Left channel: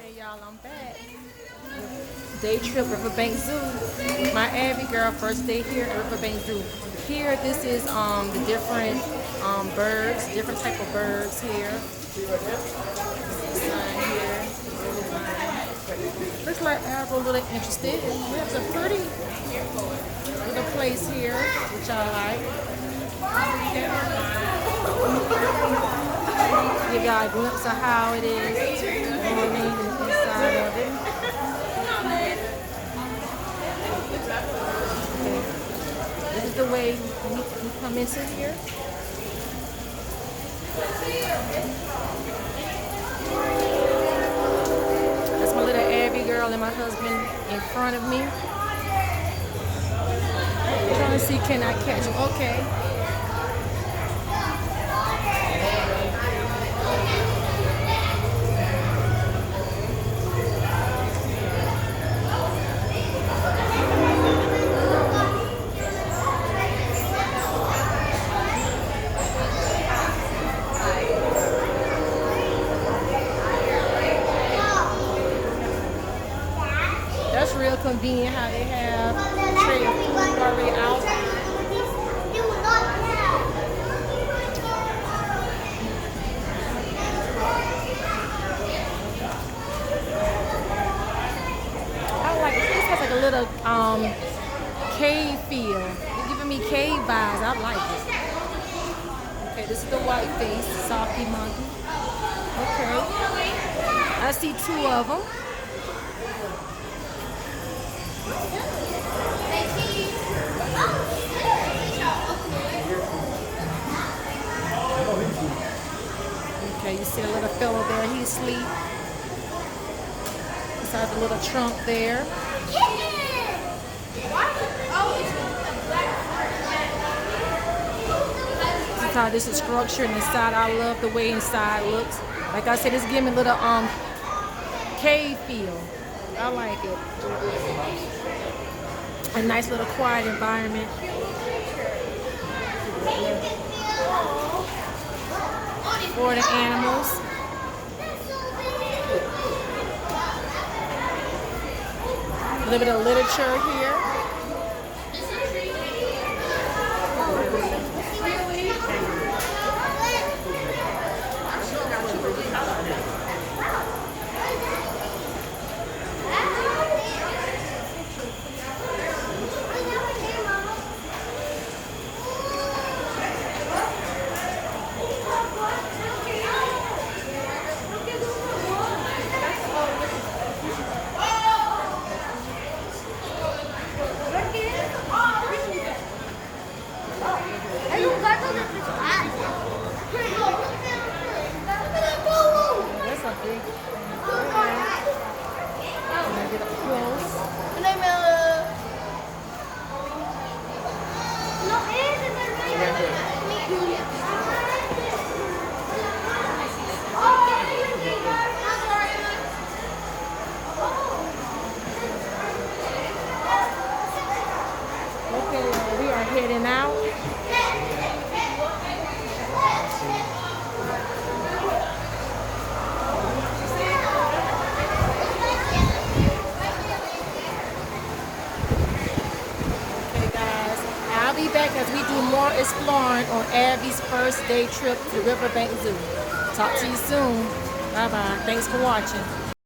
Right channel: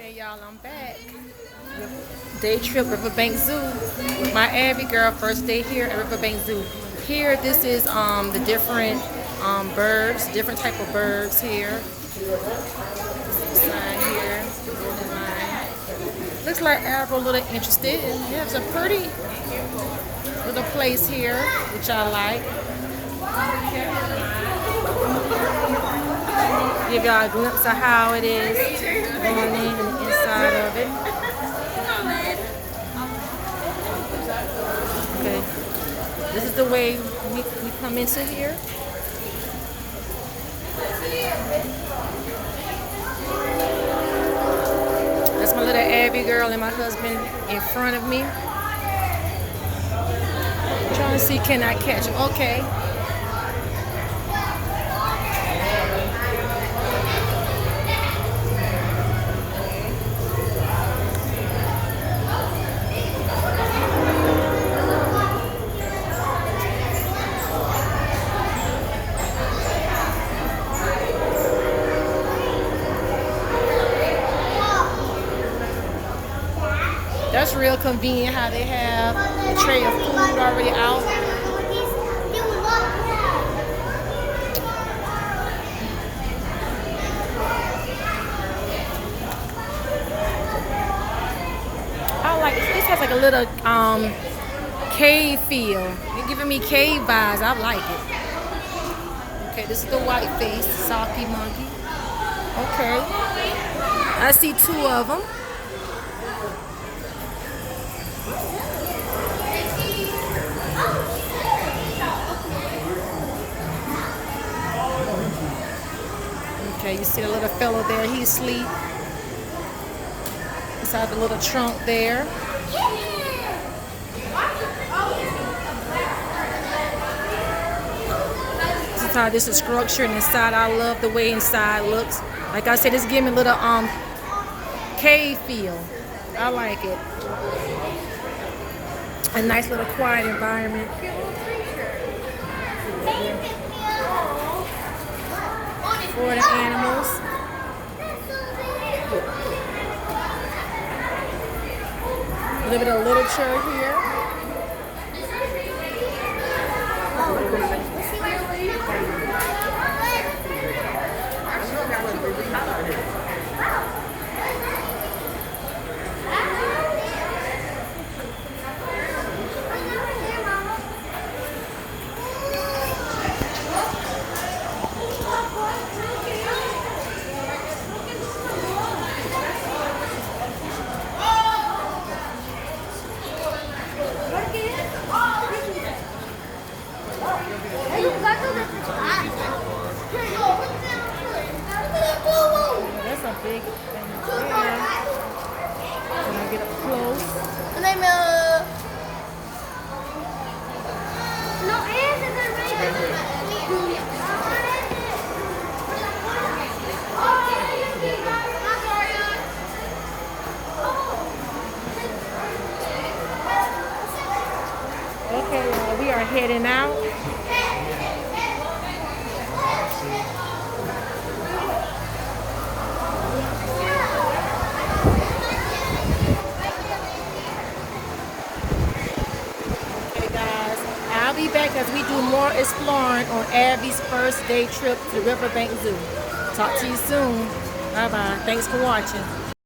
Hey y'all, I'm back. Day trip Riverbank Zoo with my Avie girl. First day here at Riverbank Zoo. Here, this is the different birds, different type of birds here. Sign here. Looks like Avie a little interested. And there's a pretty little place here, which I like. Give y'all a glimpse of how it is going in the inside of it. Okay. This is the way we come into here. That's my little Avie girl and my husband in front of me. I'm trying to see, can I catch him? Okay. That's real convenient how they have a tray of food already out. I like this. This has like a little cave feel. You're giving me cave vibes. I like it. Okay, this is the white face, softy monkey. Okay. I see two of them. Okay, you see a little fellow there, he's asleep. Inside the little trunk there. This is how this is structured inside. I love the way inside looks. Like I said, it's giving me a little cave feel. I like it. A nice little quiet environment. For the animals. A little bit of literature here. That's a big thing. Can I get up close? Okay, we are heading out. I'll be back as we do more exploring on Avie's first day trip to Riverbank Zoo. Talk to you soon. Bye-bye. Thanks for watching.